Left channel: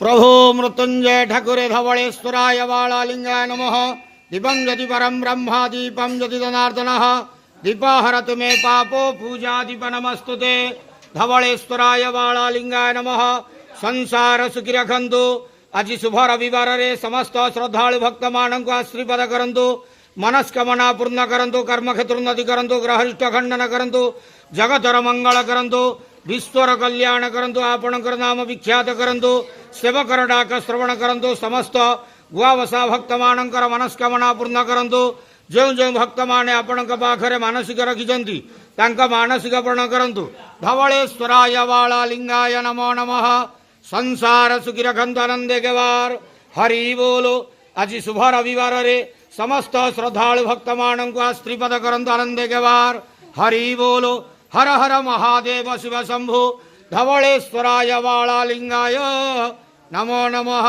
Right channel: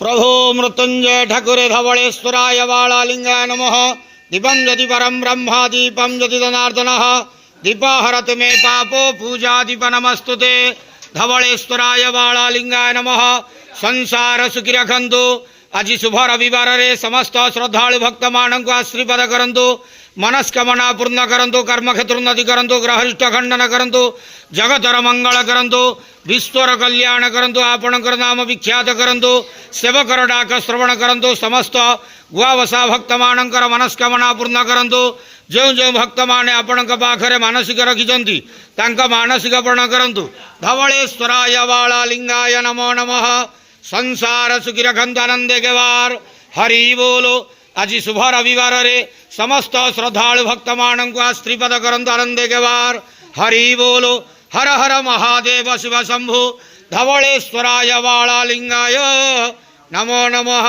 प्रभो मृत्युंजय ठाकुरे धवलेश्वराय वालालिंगाय नमः। दीपं यदि परम ब्रह्मा दीपं यदि जनार्दनः दीपाहरत मे पापो पूजा दीप नमस्तुते। धवलेश्वराय वालालिंगाय नमः। संसार सुखी रखंतु। आज शुभ रविवार रे समस्त श्रद्धालु भक्त मानक आशीर्वाद करंतु। मनस्कामना पूर्ण करंतु। कर्म क्षेत्र उन्नति करंतु। ग्रहरिष्ट खंडन करंतु। जगतर मंगल करंतु। विश्वर कल्याण करंतु। आपणकर नाम विख्यात करंतु। सेवकर डाक श्रवण करंतु। समस्त गुआवसा भक्त मानकर मनस्कामना पूर्ण करंतु। जो जो भक्त माने आपणक पाखरे मानसिक रखिछंती तांका मानसिक पूर्ण करंतु। धवलेश्वराय वालालिंगाय नमो नमः। संसार सुखी रखंतु आनंदे के वार। हरि बोलो। आज शुभ रविवार रे समस्त श्रद्धालु भक्त मानक आशीर्वाद करंतु आनंदे के वार। हरि बोलो। हर हर महादेव शिव शंभु। धवलेश्वराय वालालिंगाय नमो नमः।